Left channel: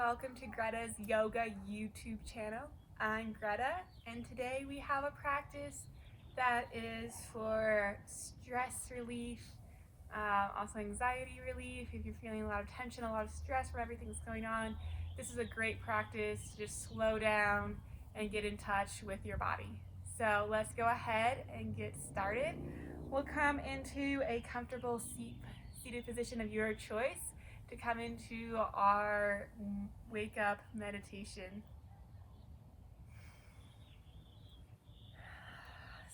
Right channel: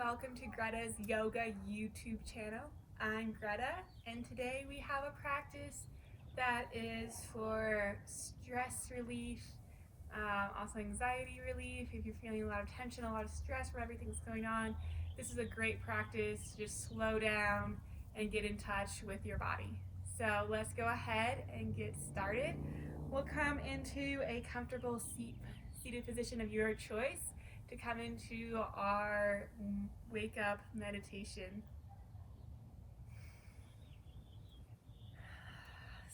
welcome to Greta's Yoga YouTube channel. I'm Greta, and today we have a practice that is for stress relief, also anxiety relief. If you're feeling a lot of tension, a lot of stress from everything that's going on, this is a great practice to just slow down and get in touch with your body. So let's go ahead and get started. We'll come into a comfortable seated position of your choice to come into our wake up meditation.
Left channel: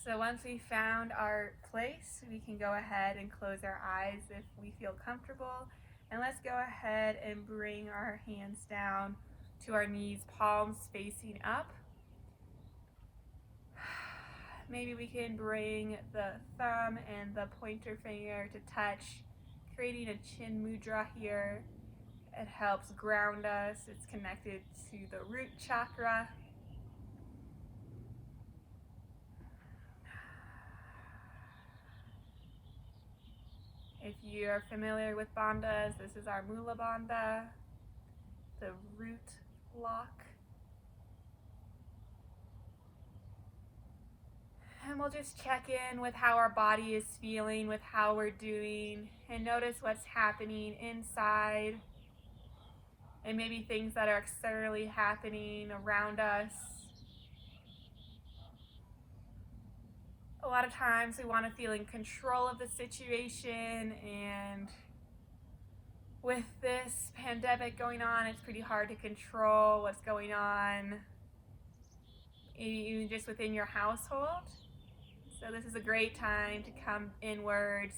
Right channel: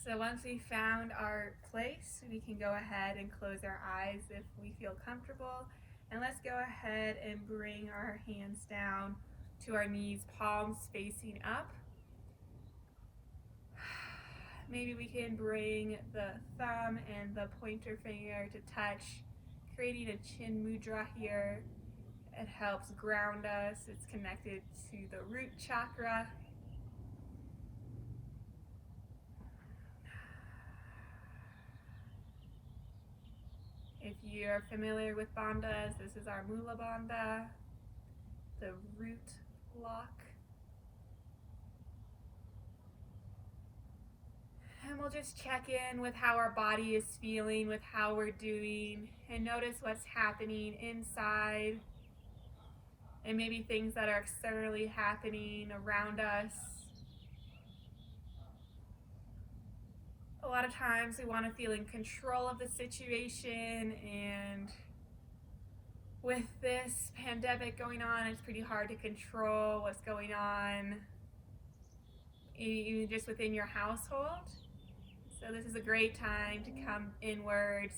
So once we found our place, we can go ahead and close our eyes if we feel comfortable. And let's go ahead and bring our hands down to our knees, palms facing up. Maybe we can bring the thumb and the pointer finger to touch, creating a chin mudra here. It helps ground us. It's connected to the root chakra. If you're familiar with bandhas, this is our Mula Bandha, the root lock. And we'll just check in with how our body is feeling, with how we're doing, and notice what's happening inside, and maybe things that are externally happening around us. A lot of times we want to feel in control of the situation, and with this pandemic going on, it's pretty hard to control what's going on, even just within your household. So this is a great time to come inwards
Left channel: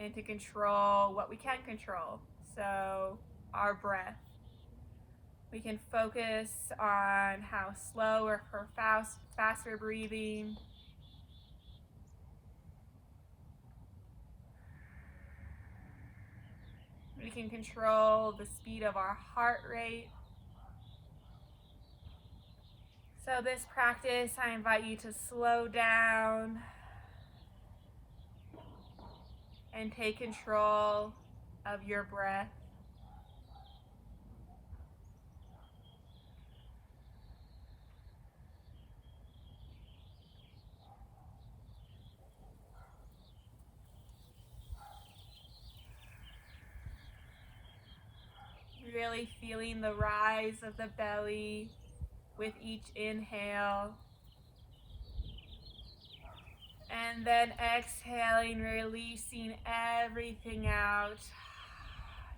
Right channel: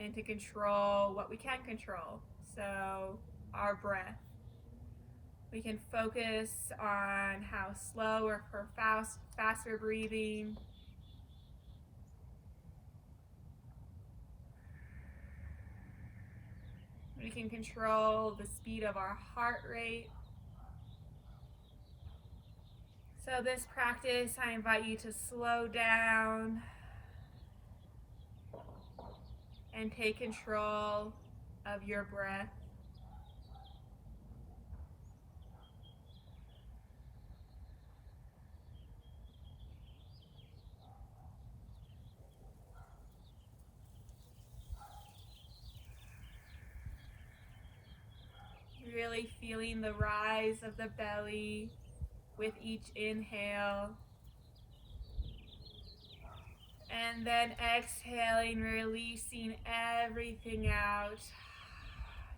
and to control what we can control. So our breath. We can focus on how slow or fast we're breathing. We can control the speed of our heart rate. So this practice, I invite you to slow down and take control of your breath. Really feeling the rise of the belly with each inhale. And then exhaling, releasing everything out,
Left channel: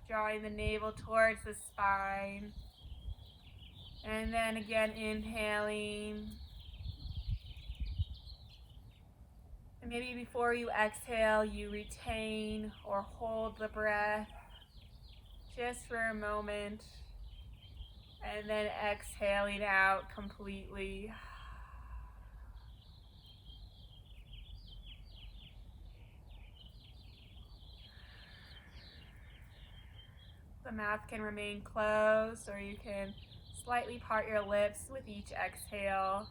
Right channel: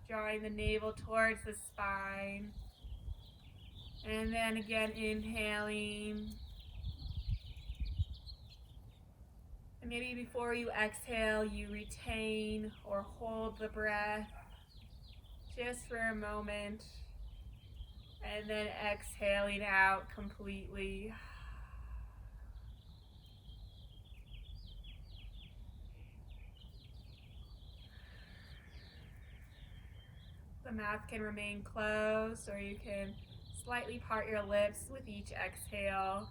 drawing the navel towards the spine. And then again, inhaling. And maybe before you exhale, you retain or hold the breath just for a moment. And then exhaling out completely. The mouth can remain closed, or you can slightly part your lips with each exhale.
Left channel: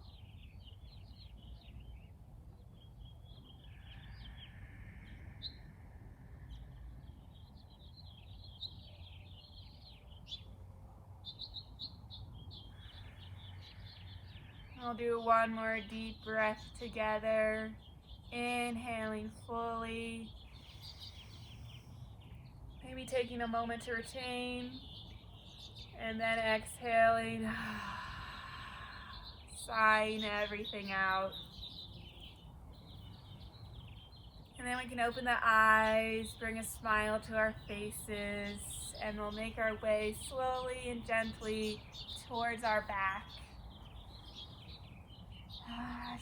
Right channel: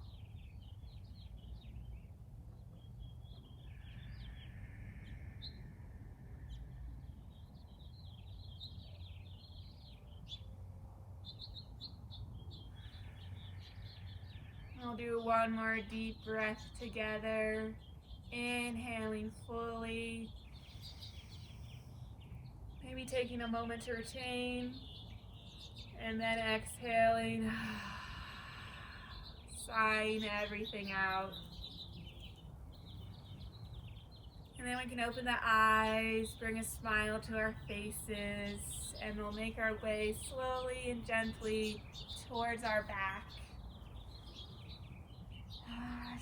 We'll do one more deep breath together, inhaling fully. Maybe taking a moment to retain, and then exhaling, sighing everything out. And then we can open the eyes, bring a smile to our faces, and we'll make our way slowly and gently towards our back.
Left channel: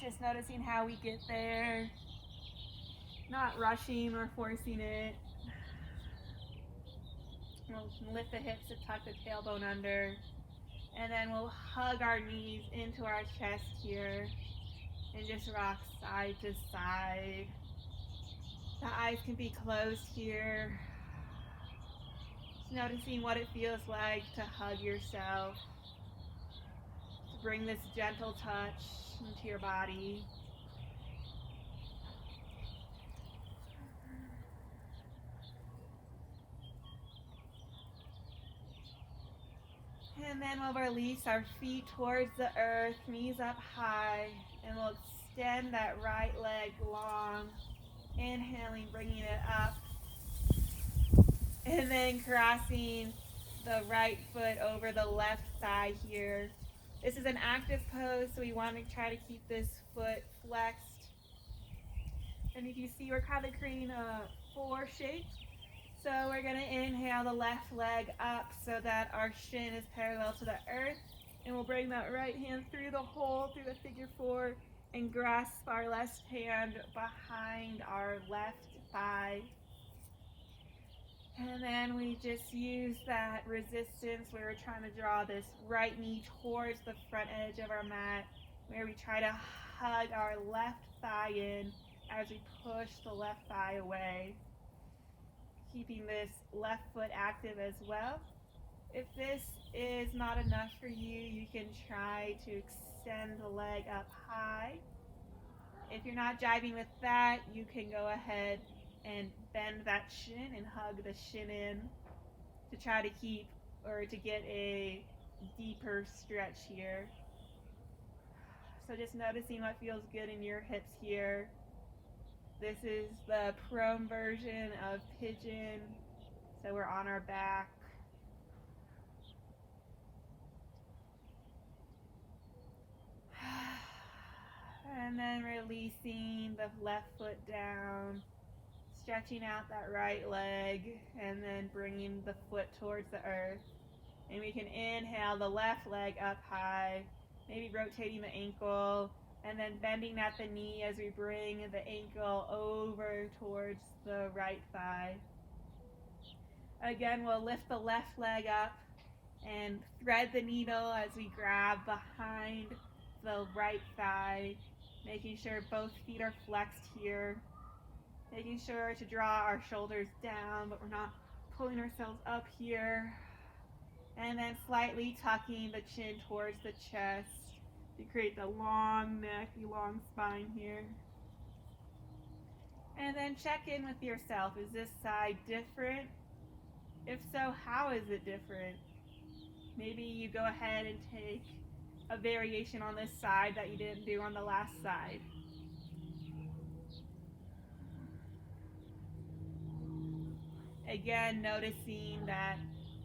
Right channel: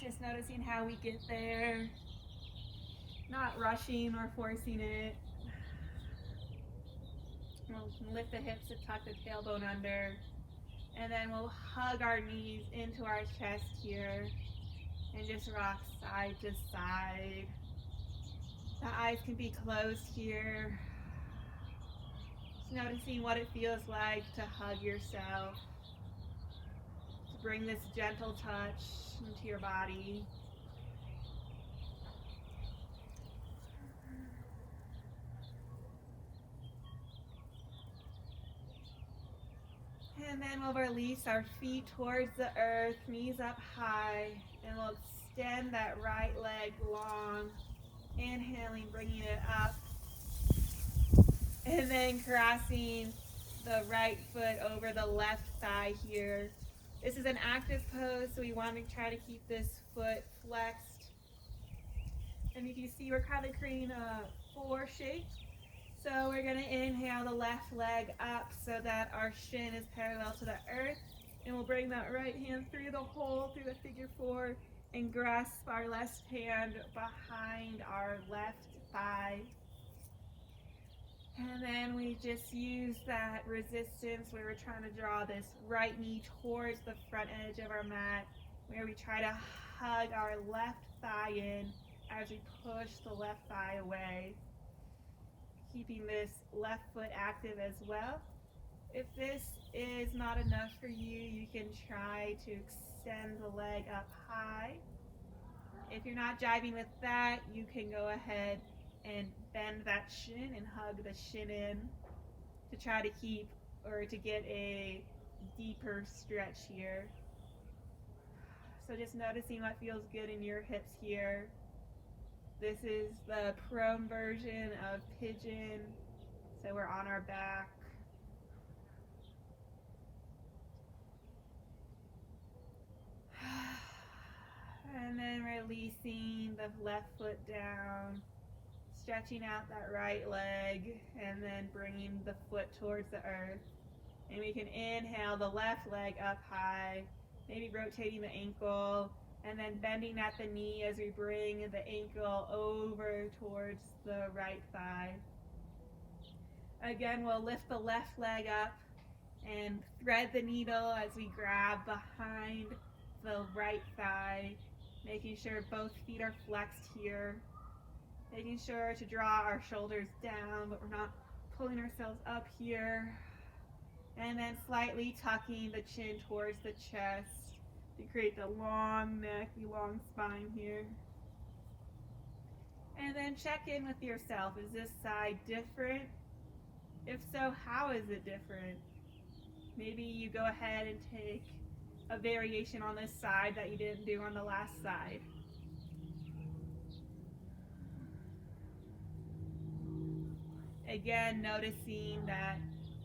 Just noticing how we get there, not rushing or forcing it. We'll lift the hips to tuck the tailbone under, and then we'll hug our knees into our chest here and just rock side to side. The eyes can be closed here. Just noticing what it feels like to hug yourself, to bring this gentle touch into your body. And then we'll release our feet towards the earth, knees up high, and we'll extend that right leg long. Inhaling, bringing it up, and then crossing the right foot over the left thigh here. This is an active pose, so we want to try to keep this foot flexed. And if you see, we're kind of creating a 4 shape. So we're going to inhale the left leg up so that our shin is parallel to the earth. And we'll bring that right hand through the hole, through the figure 4, and grasp our left hand behind our left thigh. And then we just use that resistance where we're trying to draw this right knee towards the front edge of our mat, where we try to hug our left thigh in as we push the left thigh away. Keeping this left foot active as well. If this is not enough for you, you can try to extend the leg up high. If you're not jiving with that, you can go ahead and bend that shin and hug the shin in to try to keep or to get a deeper stretch here. So just noticing what feels good in your hips here. This is the prone version of pigeon. So we're on our back. And then releasing the left foot down, stretching out that right leg, and then bringing the foot towards the earth. And we can inhale the left leg up high, maybe rotating the ankle, and then bending at the knee as we bring the ankle over towards the right thigh. Again, we'll lift the left leg up and thread the needle as we grab behind the right thigh, making sure both feet are flexed here, making sure to draw our shoulders down, but we're not pulling ourselves up here. And then slightly tucking the chin towards the chest to create the long neck, the long spine here. And then check in with yourself. Is this side different? If so, how is it different? Maybe you go ahead and take a variation on this side that you didn't do on the last side. Again, noticing that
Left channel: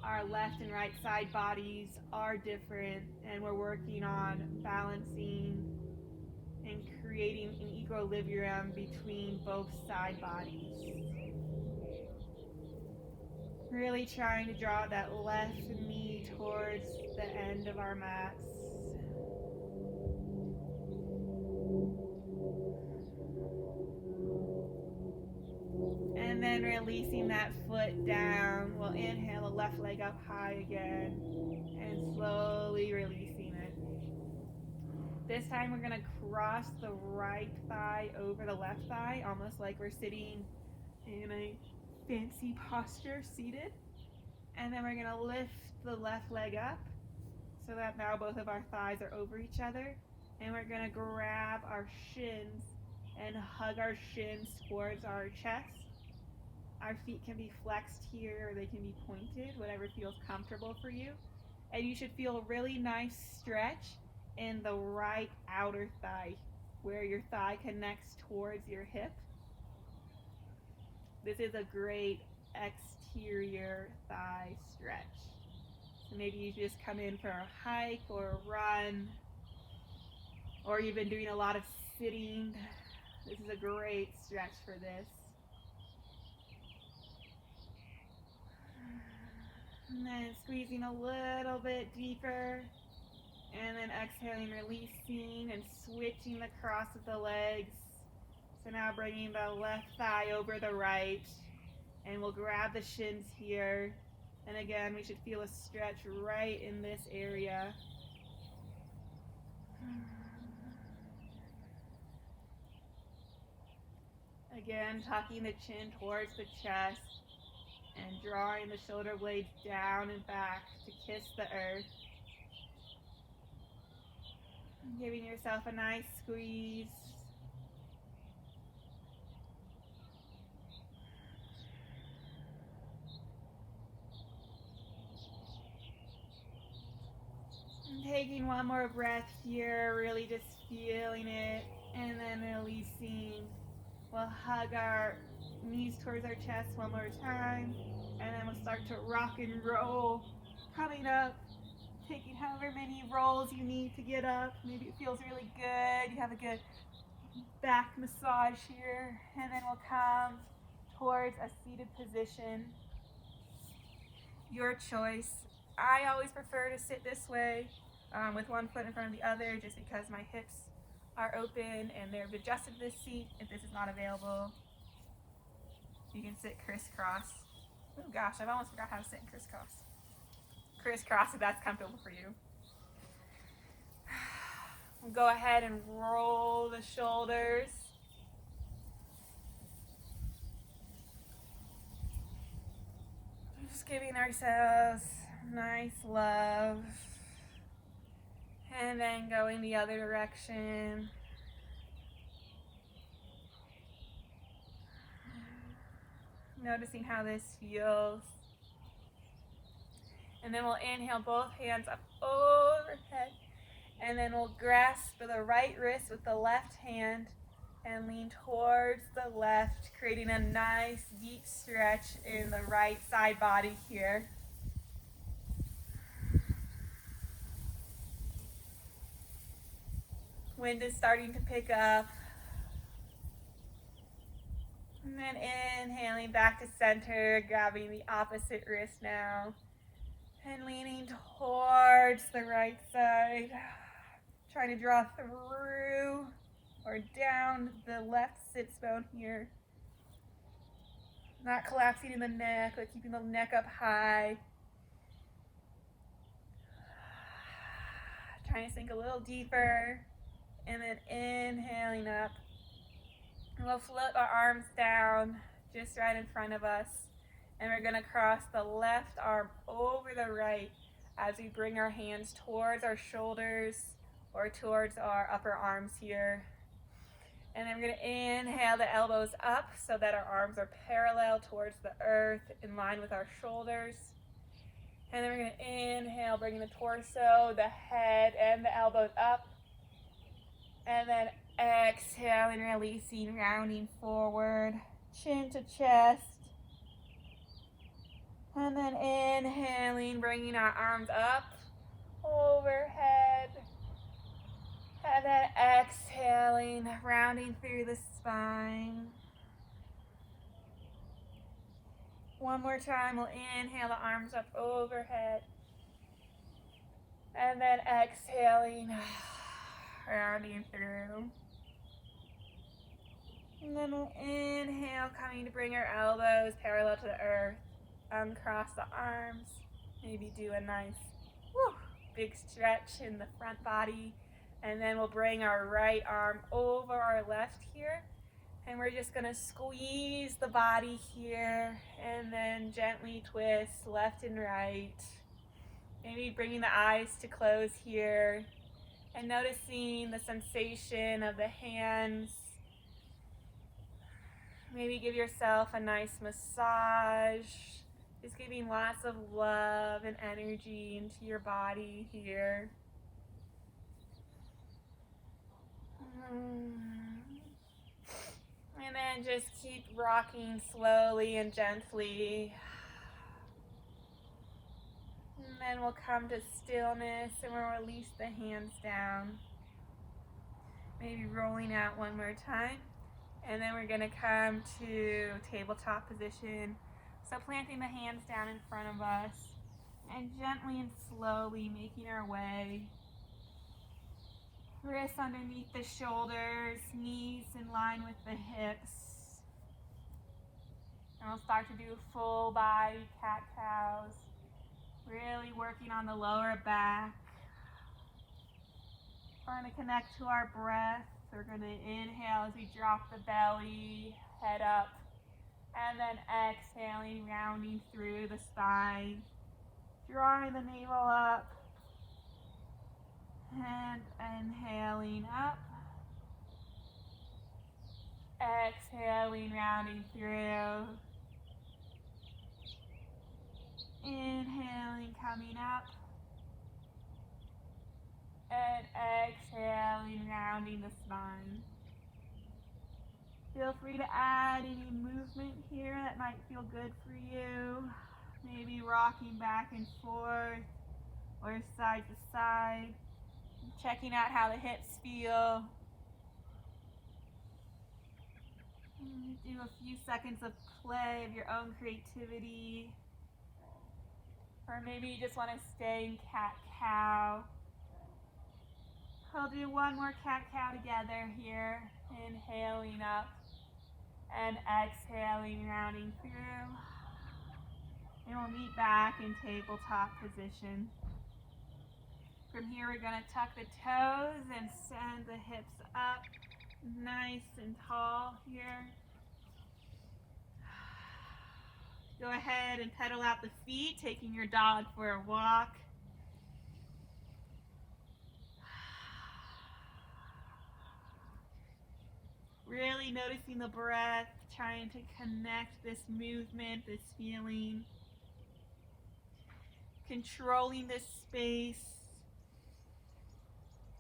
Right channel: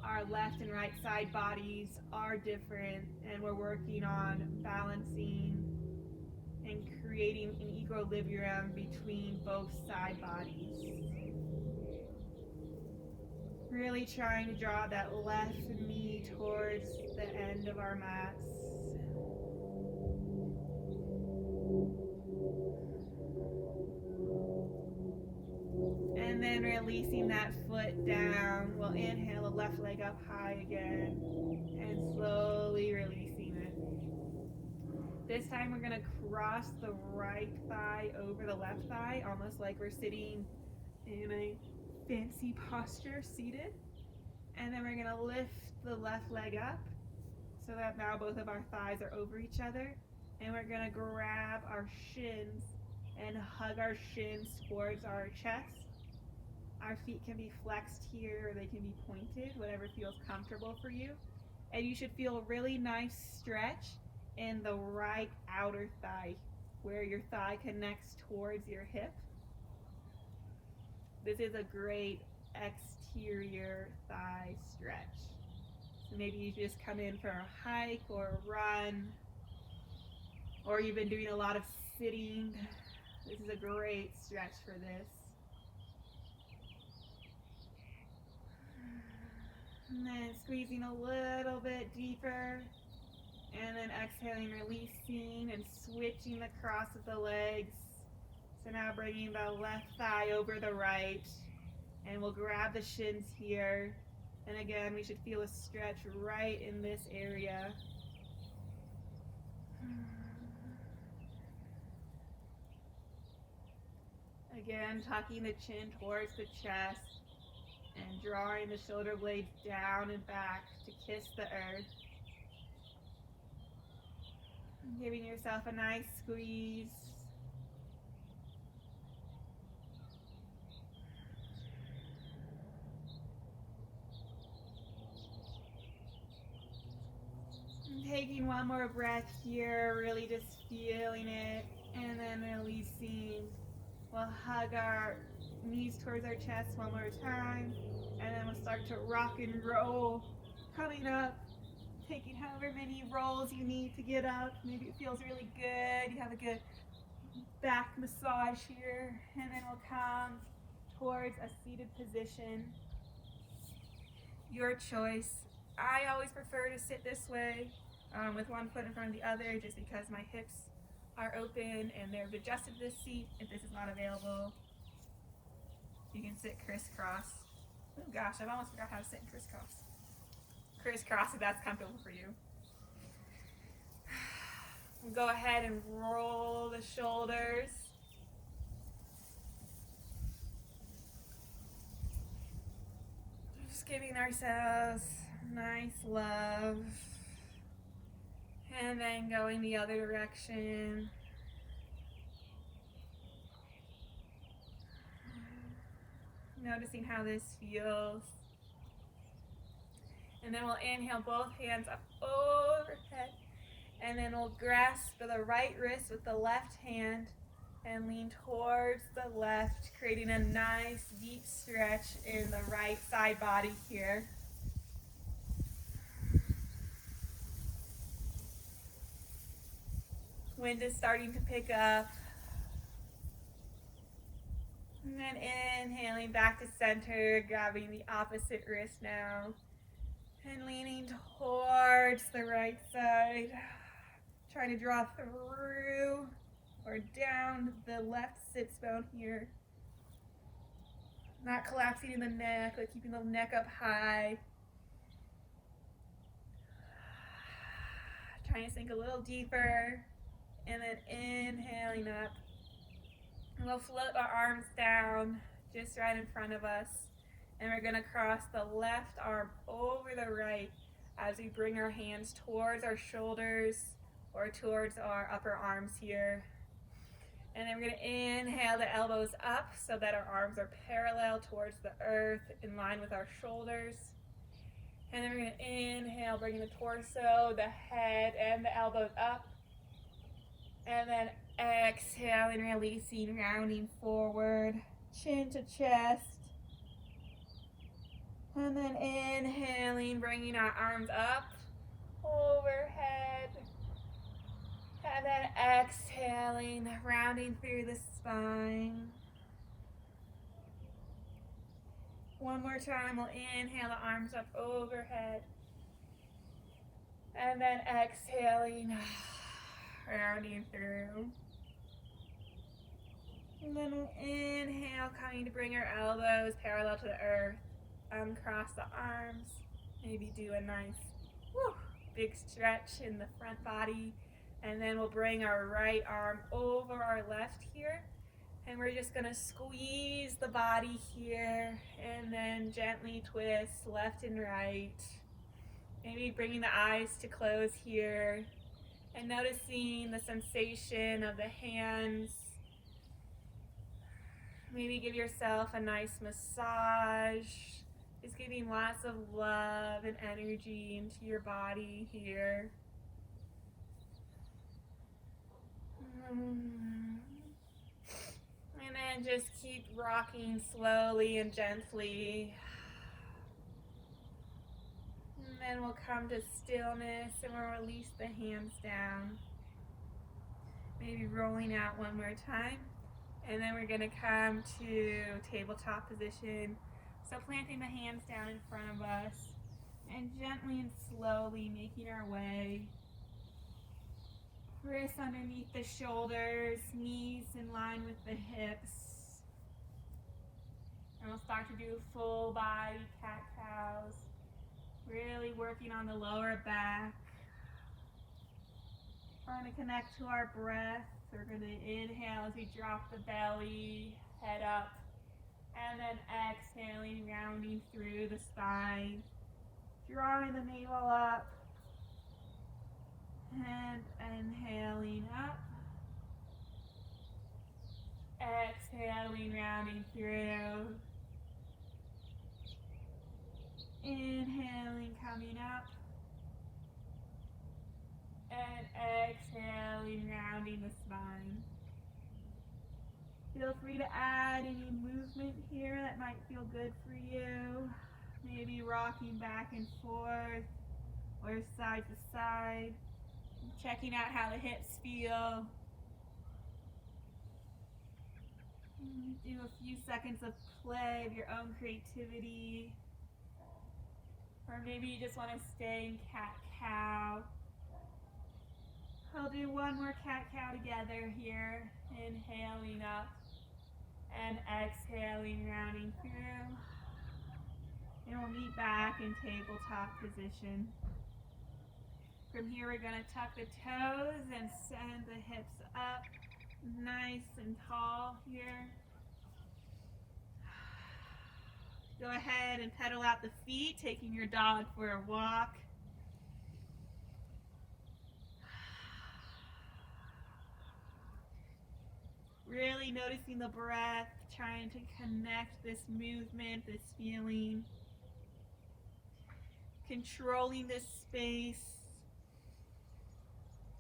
our left and right side bodies are different, and we're working on balancing and creating an equilibrium between both side bodies. Really trying to draw that left knee towards the end of our mats. And then releasing that foot down. We'll inhale the left leg up high again and slowly releasing it. This time we're going to cross the right thigh over the left thigh, almost like we're sitting in a fancy posture, seated. And then we're going to lift the left leg up so that now both of our thighs are over each other. And we're going to grab our shins and hug our shins towards our chest. Our feet can be flexed here or they can be pointed, whatever feels comfortable for you. And you should feel a really nice stretch in the right outer thigh, where your thigh connects towards your hip. This is a great exterior thigh stretch. So maybe you just come in for a hike or a run, or you've been doing a lot of sitting. This is a great stretch for this. And then squeezing a little bit deeper. And then exhaling, releasing, and switching the cross of the legs. So now bringing the left thigh over the right. And we'll grab the shins here. And again, we should feel a stretch right in this area. Again, tucking the chin towards the chest and drawing the shoulder blades down and back to kiss the earth. Giving yourself a nice squeeze. Taking one more breath here, really just feeling it, and then releasing. We'll hug our knees towards our chest one more time, and then we'll start to rock and roll, coming up, taking however many rolls you need to get up. Maybe it feels really good, you have a good back massage here, and then we'll come towards a seated position. Your choice. I always prefer to sit this way with one foot in front of the other, just because my hips are open and they're adjusted to this seat. If this is not available, you can sit crisscross. Oh gosh, I've almost forgot how to sit in crisscross. Crisscross if that's comfortable for you. We'll go ahead and roll the shoulders. Just giving ourselves nice love. And then going the other direction. Noticing how this feels. And then we'll inhale both hands up overhead. And then we'll grasp the right wrist with the left hand and lean towards the left, creating a nice deep stretch in the right side body here. Wind is starting to pick up. And then inhaling back to center, grabbing the opposite wrist now. And leaning towards the right side. Trying to draw through or down the left sits bone here. Not collapsing in the neck, but keeping the neck up high. Trying to sink a little deeper. And then inhaling up. And we'll float our arms down just right in front of us. And we're gonna cross the left arm over the right as we bring our hands towards our shoulders or towards our upper arms here. And then we're gonna inhale the elbows up so that our arms are parallel towards the earth in line with our shoulders. And then we're gonna inhale, bringing the torso, the head, and the elbows up. And then exhaling, releasing, rounding forward, chin to chest. And then inhaling, bringing our arms up, overhead. And then exhaling, rounding through the spine. One more time, we'll inhale the arms up overhead. And then exhaling, rounding through. And then we'll inhale, coming to bring our elbows parallel to the earth. Uncross the arms. Maybe do a nice big stretch in the front body. And then we'll bring our right arm over our left here. And we're just gonna squeeze the body here and then gently twist left and right. Maybe bringing the eyes to close here and noticing the sensation of the hands. Maybe give yourself a nice massage. Just giving lots of love and energy into your body here. And then just keep rocking slowly and gently. And then we'll come to stillness and we'll release the hands down. Maybe rolling out one more time. And then we're gonna come to tabletop position. So planting the hands down in front of us and gently and slowly making our way. Wrists underneath the shoulders, knees in line with the hips. And we'll start to do full body cat-cows. Really working on the lower back. Trying to connect to our breath. We're going to inhale as we drop the belly, head up. And then exhaling, rounding through the spine. Drawing the navel up. And inhaling up. Exhaling, rounding through. Inhaling, coming up. exhaling, rounding the spine. Feel free to add any movement here that might feel good for you. Maybe rocking back and forth or side to side. Checking out how the hips feel. Do a few seconds of play of your own creativity. Or maybe you just want to stay in cat-cow. We'll do one more cat-cow together here. Inhaling up and exhaling, rounding through. And we'll meet back in tabletop position. From here, we're going to tuck the toes and send the hips up nice and tall here. Go ahead and pedal out the feet, taking your dog for a walk. Really noticing the breath, trying to connect this movement, this feeling. Controlling this space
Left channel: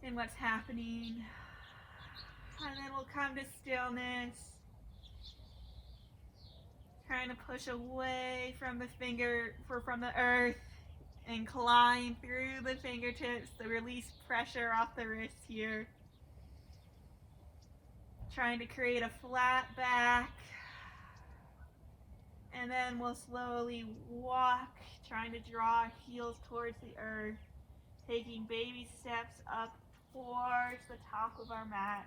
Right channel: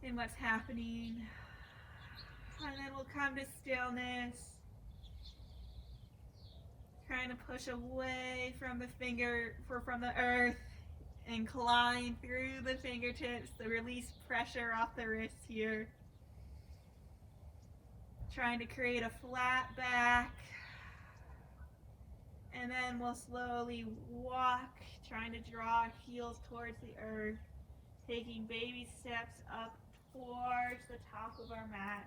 and what's happening. And then we'll come to stillness. Trying to push away from the earth and climb through the fingertips to release pressure off the wrists here. Trying to create a flat back. And then we'll slowly walk, trying to draw our heels towards the earth, taking baby steps up towards the top of our mat.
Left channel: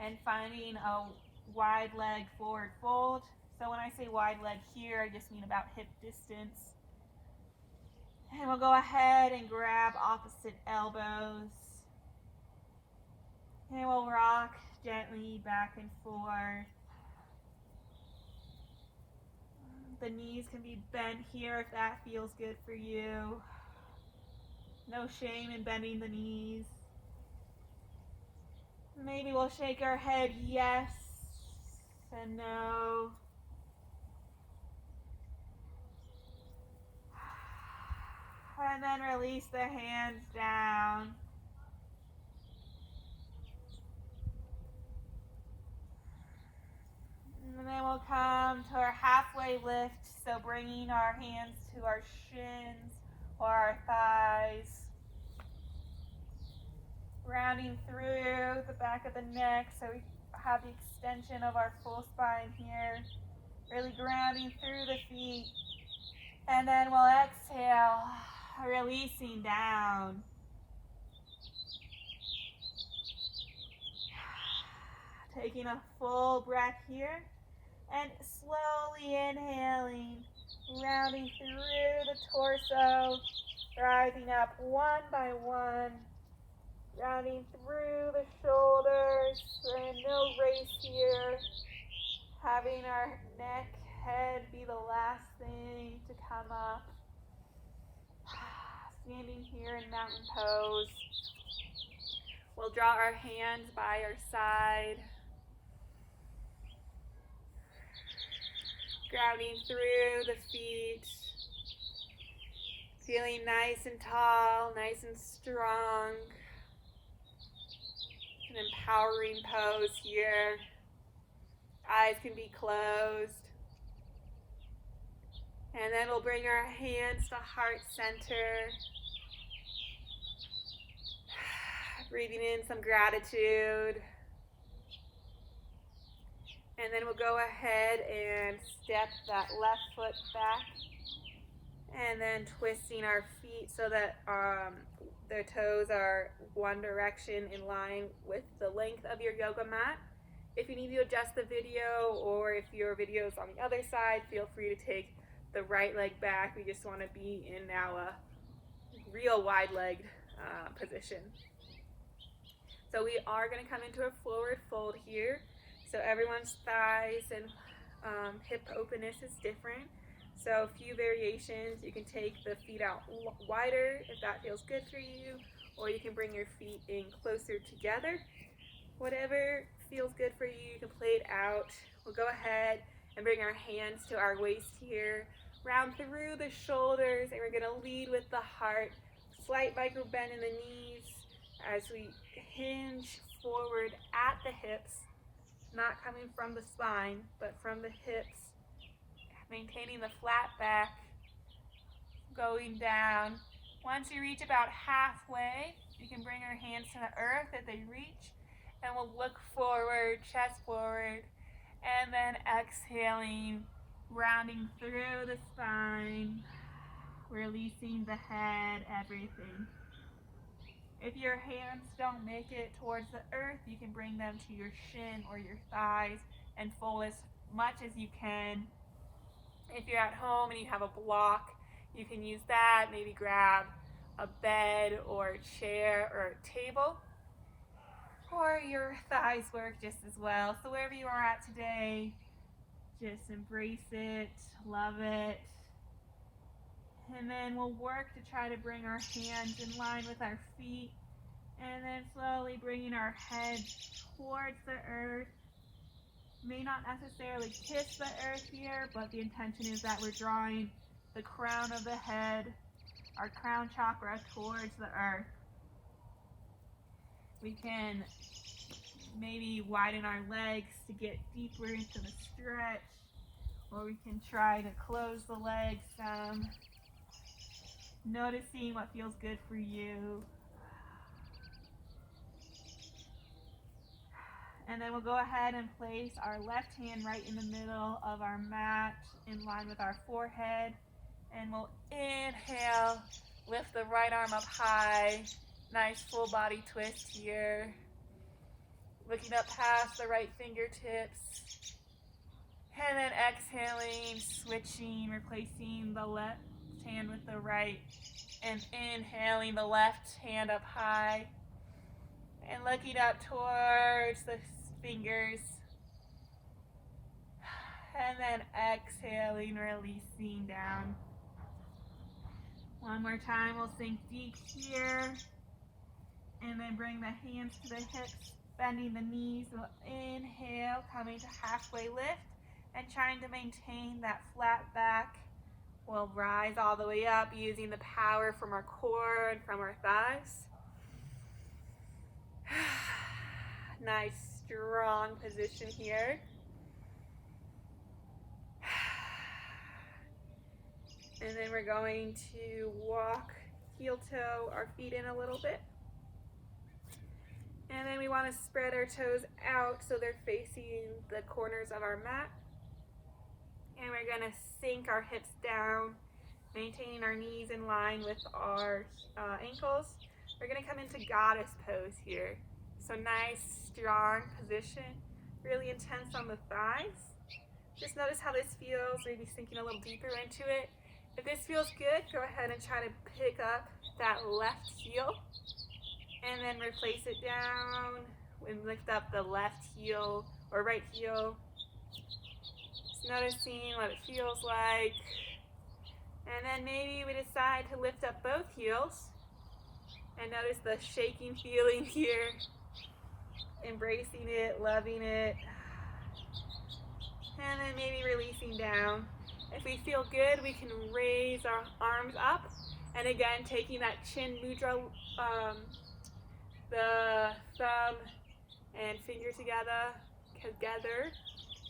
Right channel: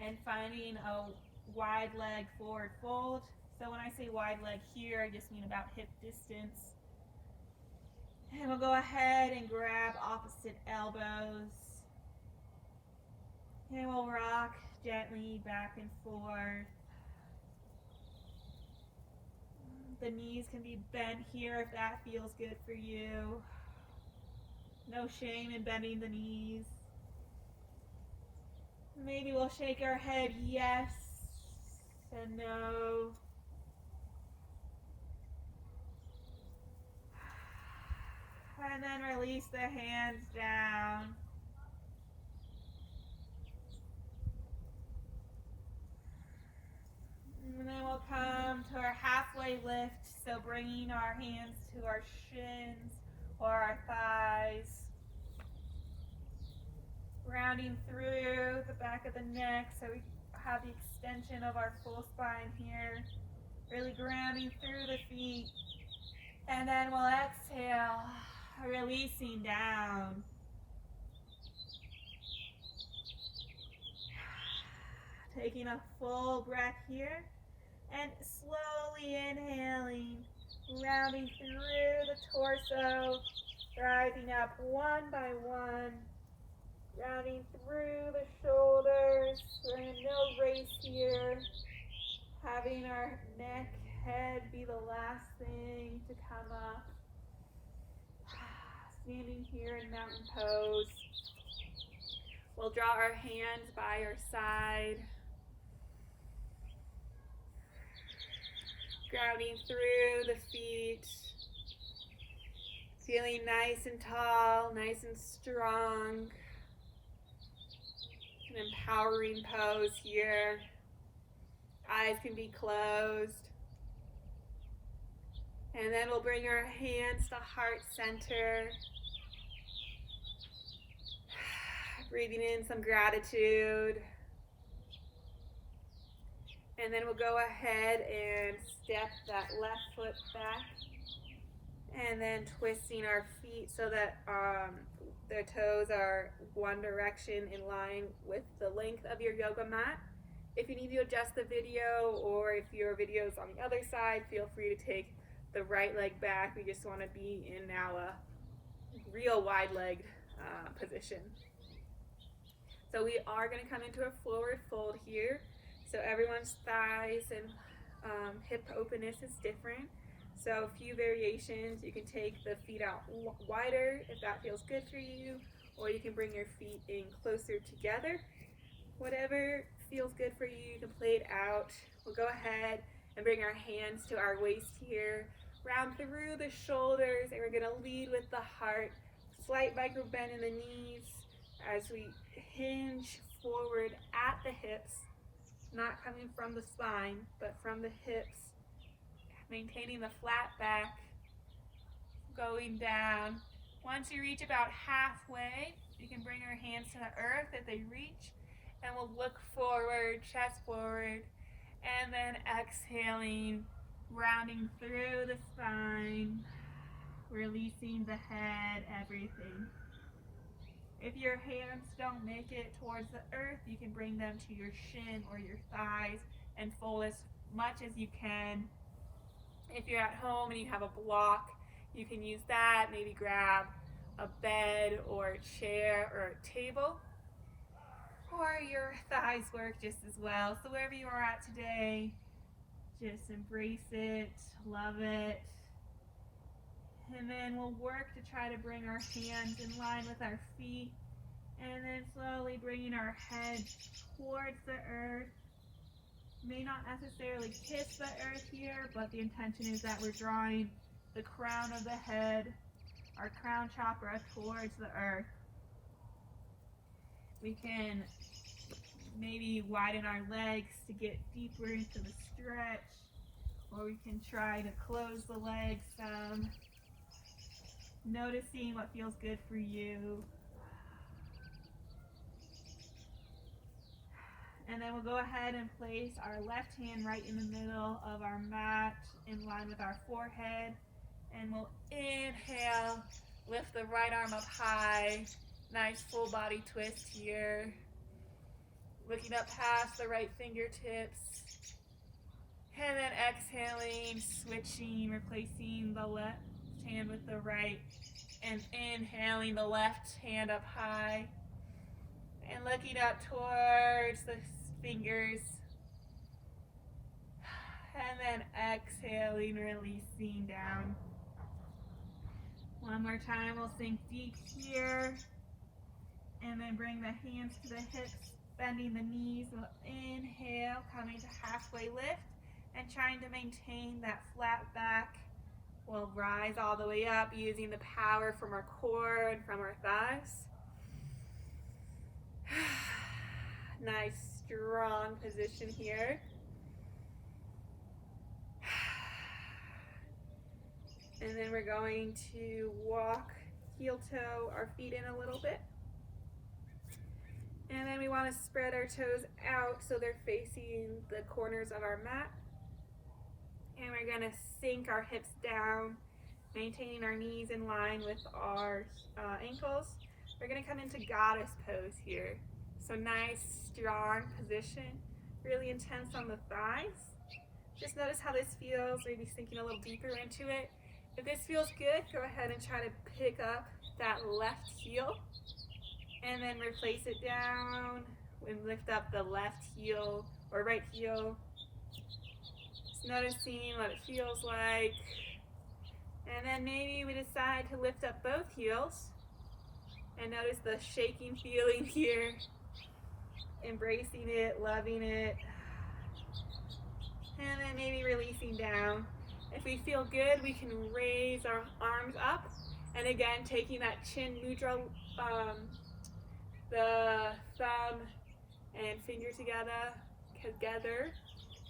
And finding a wide leg forward fold. So when I say wide leg here, I just mean about hip distance. And we'll go ahead and grab opposite elbows. And we'll rock gently back and forth. The knees can be bent here if that feels good for you. No shame in bending the knees. Maybe we'll shake our head yes and no. And then release the hands down. And then we'll come to our halfway lift, so bringing our hands to our shins or our thighs. Rounding through the back of the neck so we have the extension of our full spine here. Really grounding through the feet. And then we'll exhale, releasing down. Taking a full breath here. And slowly inhaling, rounding through the torso, rising up one by one. Rounding through the shoulders, we're in no race here. Having our neck, head be the last thing to come up. Standing here in mountain pose. We'll draw our hands by our side. Grounding through the feet. Feeling nice and tall, nice and strong. An empowering pose here. Eyes can be closed. And then we'll bring our hands to heart center. Breathing in some gratitude. And then we'll go ahead and step that left foot back. And then twisting our feet so that their toes are one direction in line with the length of your yoga mat. If you need to adjust the video or if your video is on the other side, feel free to take the right leg back. We just want to be in now a real wide-legged position. So we are going to come into a forward fold here. So everyone's thighs and hip openness is different. So a few variations. You can take the feet out wider if that feels good for you, or you can bring your feet in closer together. Whatever feels good for you, you can play it out. We'll go ahead and bring our hands to our waist here. Round through the shoulders, and we're going to lead with the heart. slight micro bend in the knees as we hinge forward at the hips, not coming from the spine, but from the hips, maintaining the flat back, going down. Once you reach about halfway, you can bring our hands to the earth that they reach, and we'll look forward, chest forward, and then exhaling, rounding through the spine, releasing the head, everything. If your hands don't make it towards the earth, you can bring them to your shin or your thighs and fold as much as you can. If you're at home and you have a block, you can use that. Maybe grab a bed or a chair or a table, or your thighs work just as well. So wherever you are at today, just embrace it, love it. And then we'll work to try to bring our hands in line with our feet, and then slowly bringing our head towards the earth. May not necessarily kiss the earth here, but the intention is that we're drawing the crown of the head, our crown chakra, towards the earth. We can maybe widen our legs to get deeper into the stretch, or we can try to close the legs some, noticing what feels good for you. And then we'll go ahead and place our left hand right in the middle of our mat in line with our forehead. And we'll inhale, lift the right arm up high. Nice full body twist here. Looking up past the right fingertips. And then exhaling, switching, replacing the left hand with the right. And inhaling the left hand up high. And looking up towards the fingers. And then exhaling, releasing down. One more time, we'll sink deep here. And then bring the hands to the hips, bending the knees. We'll inhale, coming to halfway lift, and trying to maintain that flat back. We'll rise all the way up using the power from our core and from our thighs. Nice, strong position here. And then we're going to walk heel toe our feet in a little bit. And then we want to spread our toes out so they're facing the corners of our mat. And we're going to sink our hips down, maintaining our knees in line with our ankles. We're going to come into goddess pose here. So nice, strong position, really intense on the thighs. Just notice how this feels, maybe sinking a little deeper into it. If this feels good, go ahead and try to pick up that left heel and then replace it down and lift up the left heel or right heel. Just noticing what it feels like. And then maybe we decide to lift up both heels and notice the shaking feeling here. Embracing it, loving it. And then maybe releasing down. If we feel good, we can raise our arms up. And again, taking that chin mudra, the thumb and finger together.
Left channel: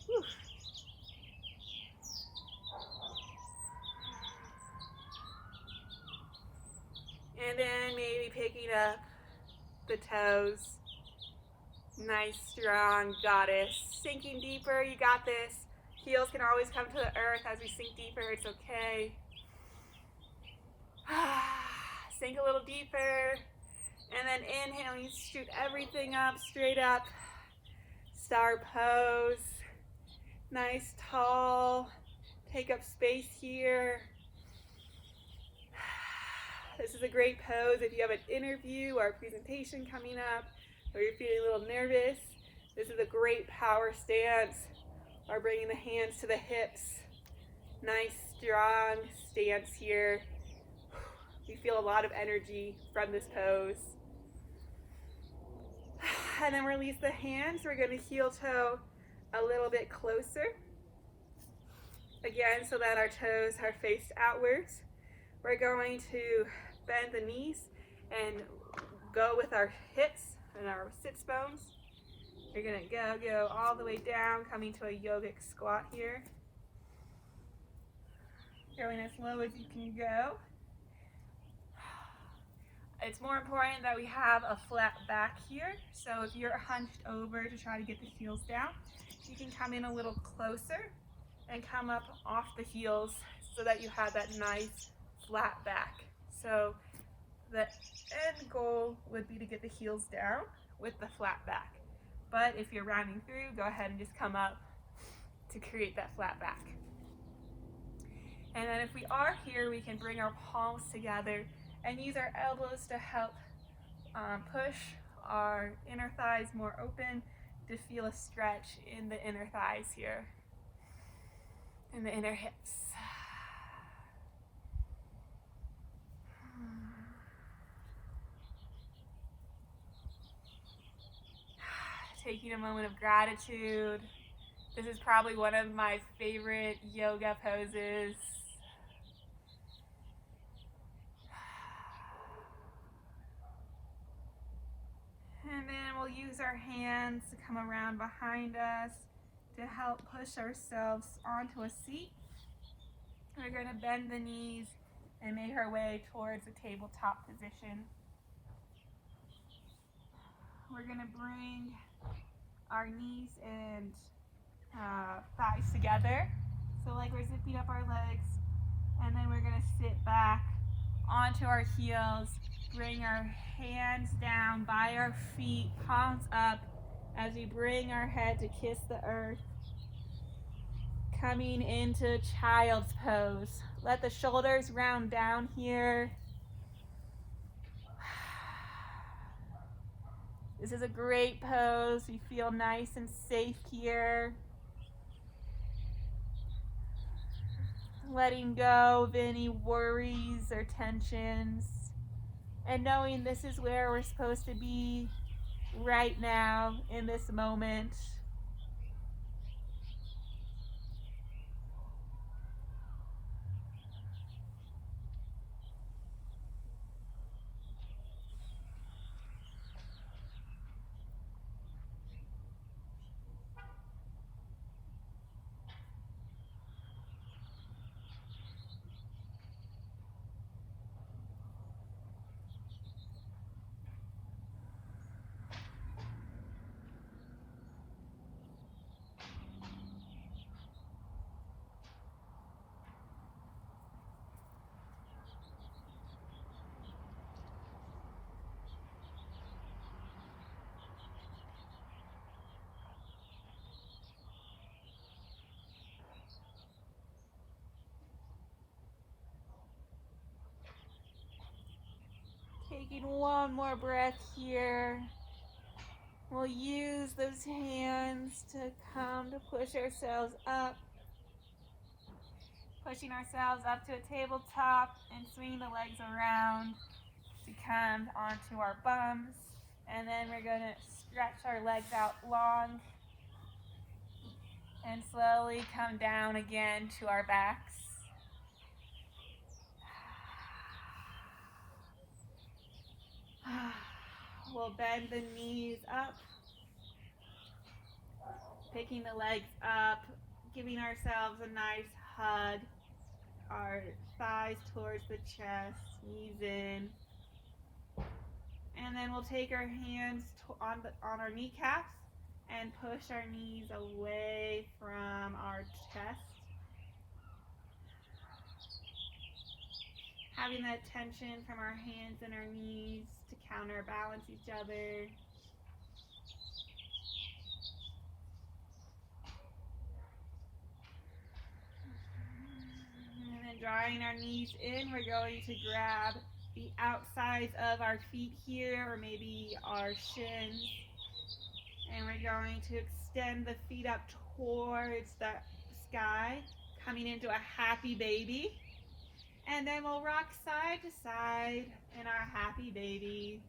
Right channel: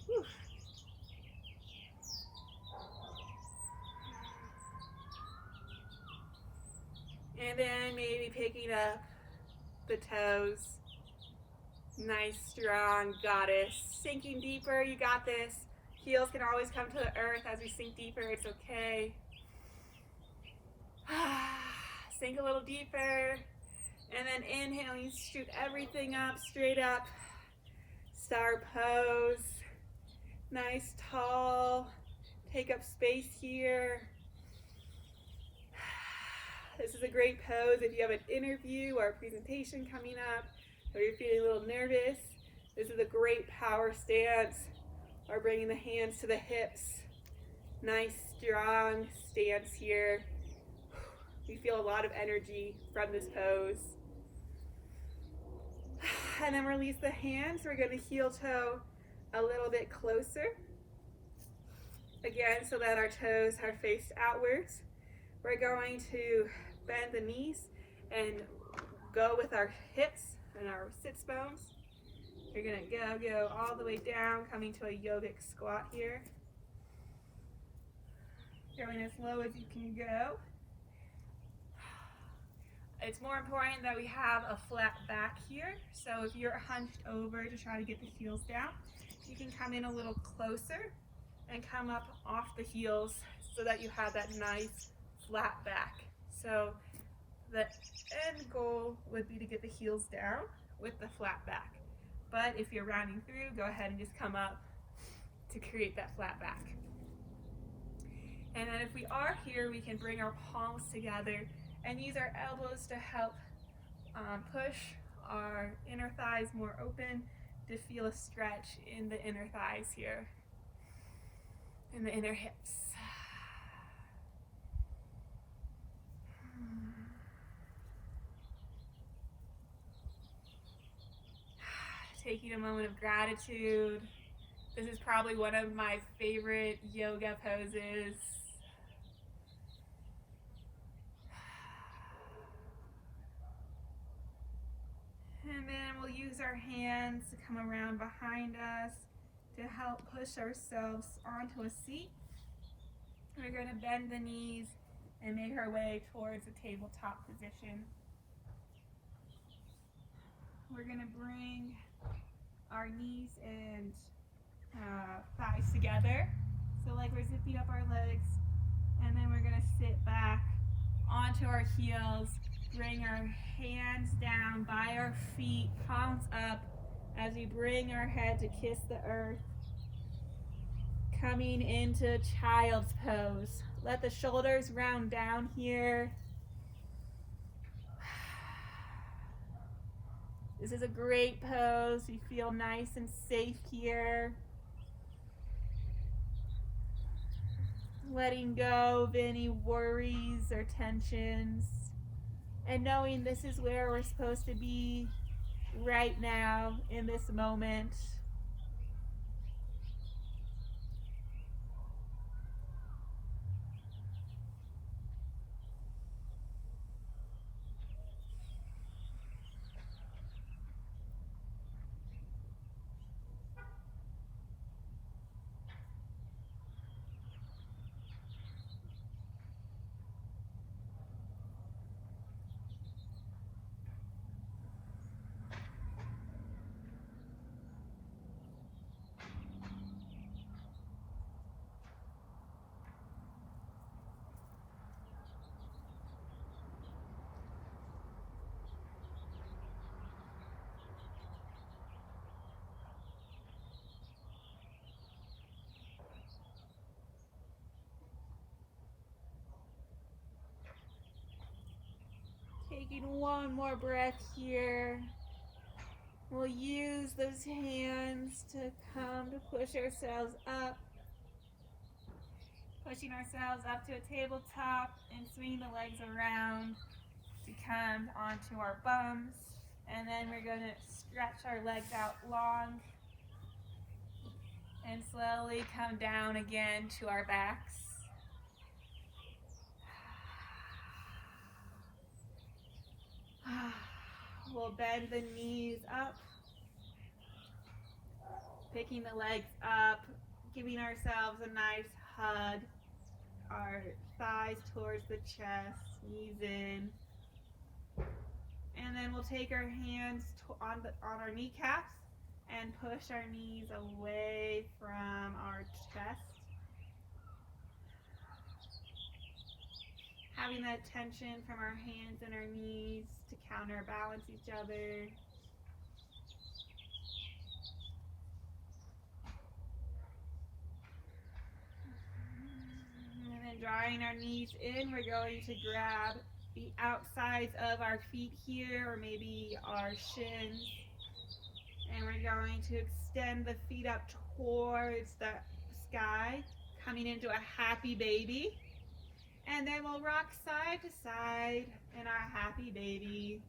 Whew. And then maybe picking up the toes. Nice, strong goddess. Sinking deeper, you got this. Heels can always come to the earth as we sink deeper, it's okay. Sink a little deeper. And then inhaling, shoot everything up, straight up. Star pose. Nice, tall. Take up space here. This is a great pose if you have an interview or a presentation coming up, or you're feeling a little nervous. This is a great power stance, or bringing the hands to the hips. Nice, strong stance here. We feel a lot of energy from this pose. And then release the hands. We're going to heel toe a little bit closer. Again, so that our toes are faced outwards. We're going to bend the knees and go with our hips and our sits bones. You're gonna go all the way down, coming to a yogic squat here. Going as low as you can go. It's more important that we have a flat back here. So if you're hunched over to try to get the heels down, you can come in a little closer and come up off the heels so that you have that nice flat back. So the end goal would be to get the heels down with the flat back. But if you're rounding through, go ahead and just come up to create that flat back. And then if we are here, we can bring our palms together and use our elbows to help push our inner thighs more open to feel a stretch in the inner thighs here, in the inner hips. Taking a moment of gratitude. This is probably one of my favorite yoga poses. And then we'll use our hands to come around behind us to help push ourselves onto a seat. We're going to bend the knees and make our way towards a tabletop position. We're going to bring our knees and thighs together, so like we're zipping up our legs, and then we're going to sit back onto our heels, bring our hands down by our feet, palms up, as we bring our head to kiss the earth, coming into child's pose. Let the shoulders round down here. This is a great pose. We feel nice and safe here. Letting go of any worries or tensions, and knowing this is where we're supposed to be right now in this moment. Taking one more breath here. We'll use those hands to come to push ourselves up. Pushing ourselves up to a tabletop and swinging the legs around to come onto our bums. And then we're going to stretch our legs out long and slowly come down again to our backs. We'll bend the knees up, picking the legs up, giving ourselves a nice hug, our thighs towards the chest, knees in. And then we'll take our hands on our kneecaps and push our knees away from our chest. Having that tension from our hands and our knees to counterbalance each other. And then drawing our knees in, we're going to grab the outsides of our feet here, or maybe our shins. And we're going to extend the feet up towards the sky, coming into a happy baby. And then we'll rock side to side in our happy baby.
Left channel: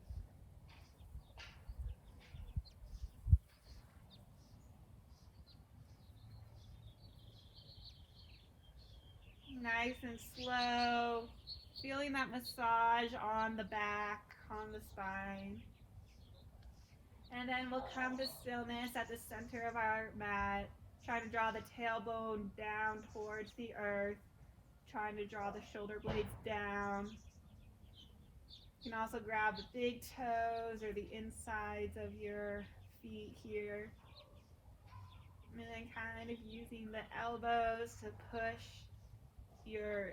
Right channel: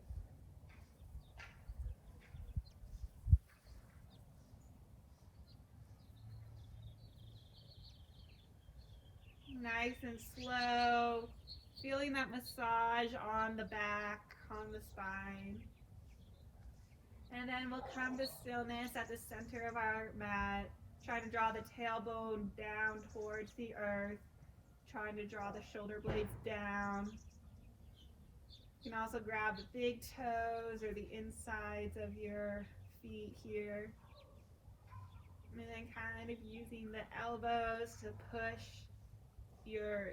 Nice and slow. Feeling that massage on the back, on the spine. And then we'll come to stillness at the center of our mat, trying to draw the tailbone down towards the earth, trying to draw the shoulder blades down. You can also grab the big toes or the insides of your feet here. And then kind of using the elbows to push your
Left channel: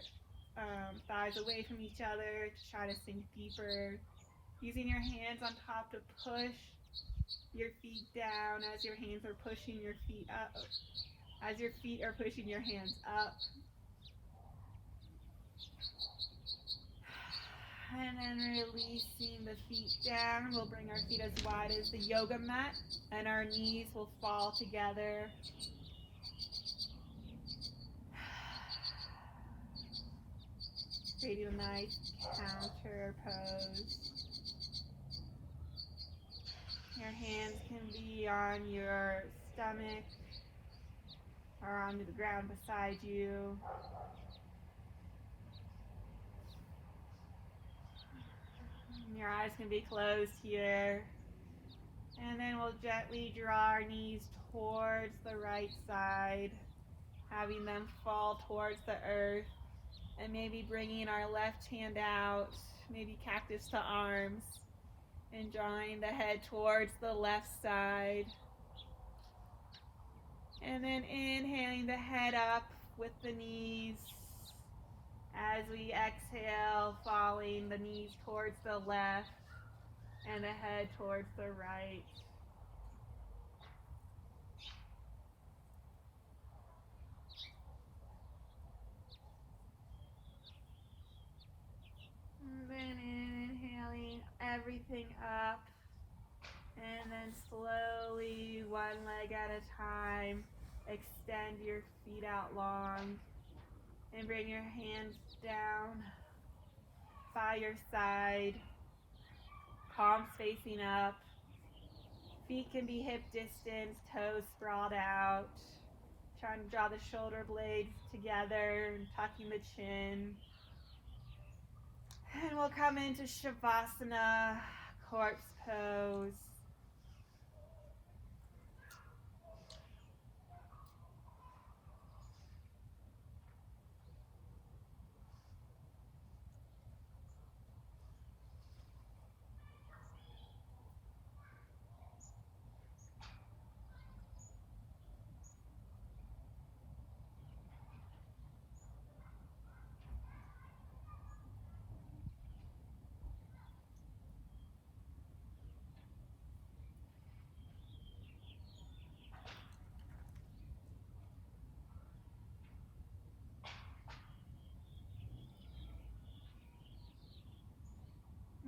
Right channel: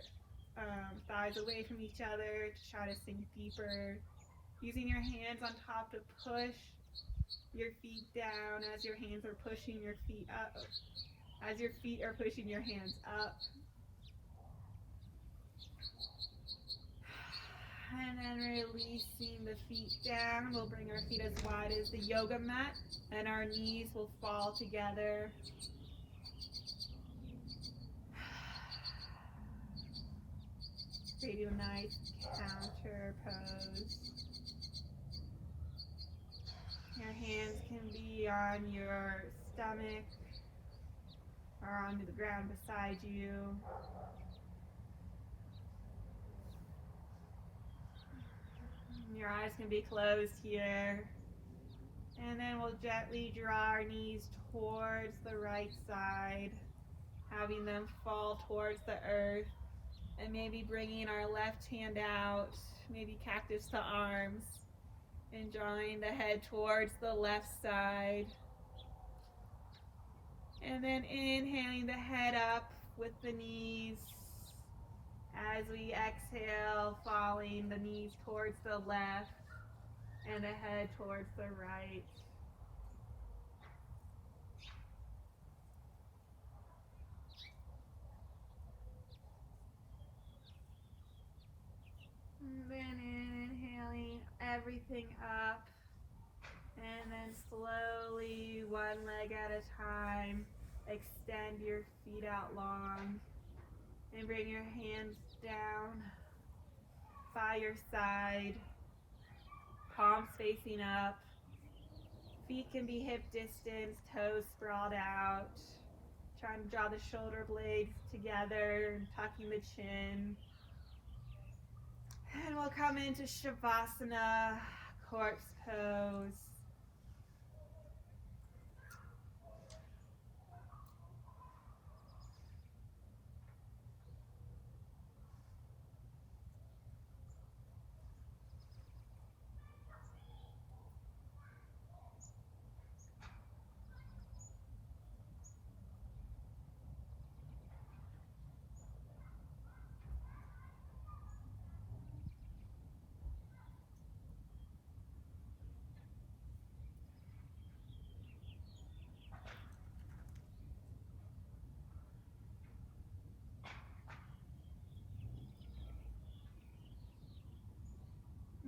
thighs away from each other to try to sink deeper. Using your hands on top to push your feet down as your hands are pushing your feet up, as your feet are pushing your hands up. And then releasing the feet down, we'll bring our feet as wide as the yoga mat, and our knees will fall together. Creating a nice counter pose. Your hands can be on your stomach or onto the ground beside you. Your eyes can be closed here. And then we'll gently draw our knees towards the right side, having them fall towards the earth, and maybe bringing our left hand out, maybe cactus to arms, and drawing the head towards the left side. And then inhaling the head up with the knees as we exhale, falling the knees towards the left and the head towards the right. And then inhaling everything up, and then slowly, one leg at a time, extend your feet out long and bring your hands down by your side, palms facing up. Feet can be hip distance, toes sprawled out. Trying to draw the shoulder blades together and tucking the chin. And we'll come into Shavasana, corpse pose.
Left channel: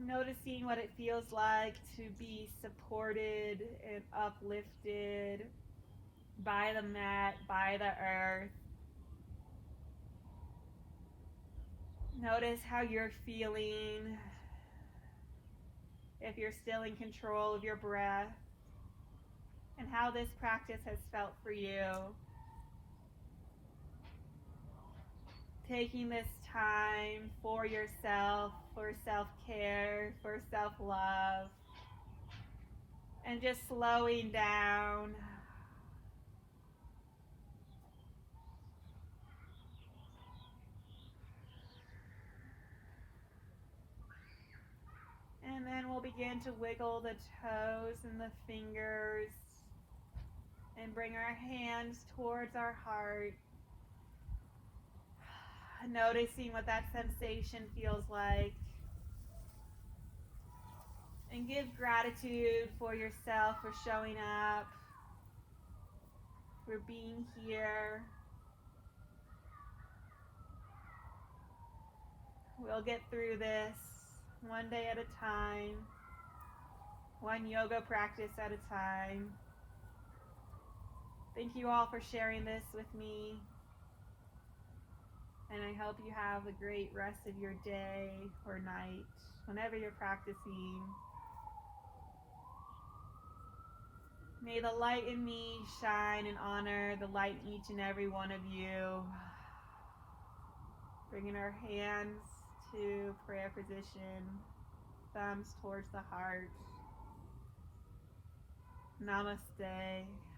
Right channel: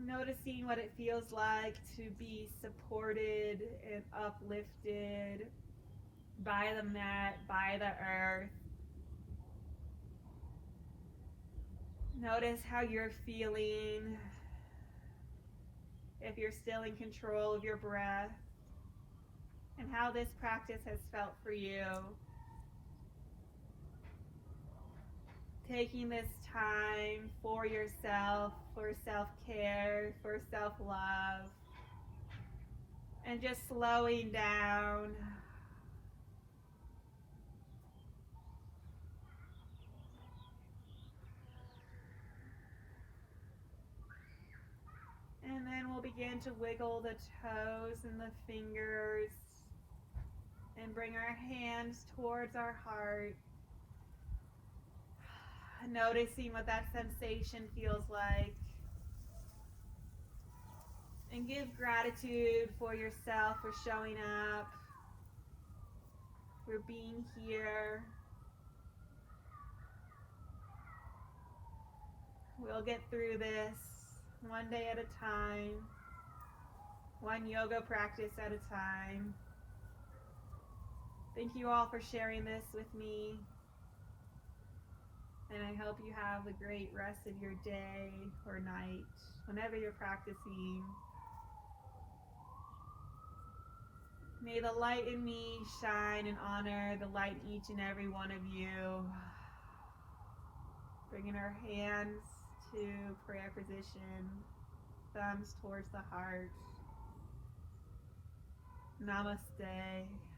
Noticing what it feels like to be supported and uplifted by the mat, by the earth. Notice how you're feeling, if you're still in control of your breath, and how this practice has felt for you. Taking this time for yourself, for self-care, for self-love, and just slowing down. And then we'll begin to wiggle the toes and the fingers and bring our hands towards our heart. Noticing what that sensation feels like. And give gratitude for yourself for showing up, for being here. We'll get through this one day at a time, one yoga practice at a time. Thank you all for sharing this with me. And I hope you have a great rest of your day or night, whenever you're practicing. May the light in me shine and honor the light in each and every one of you. Bringing our hands to prayer position, thumbs towards the heart. Namaste.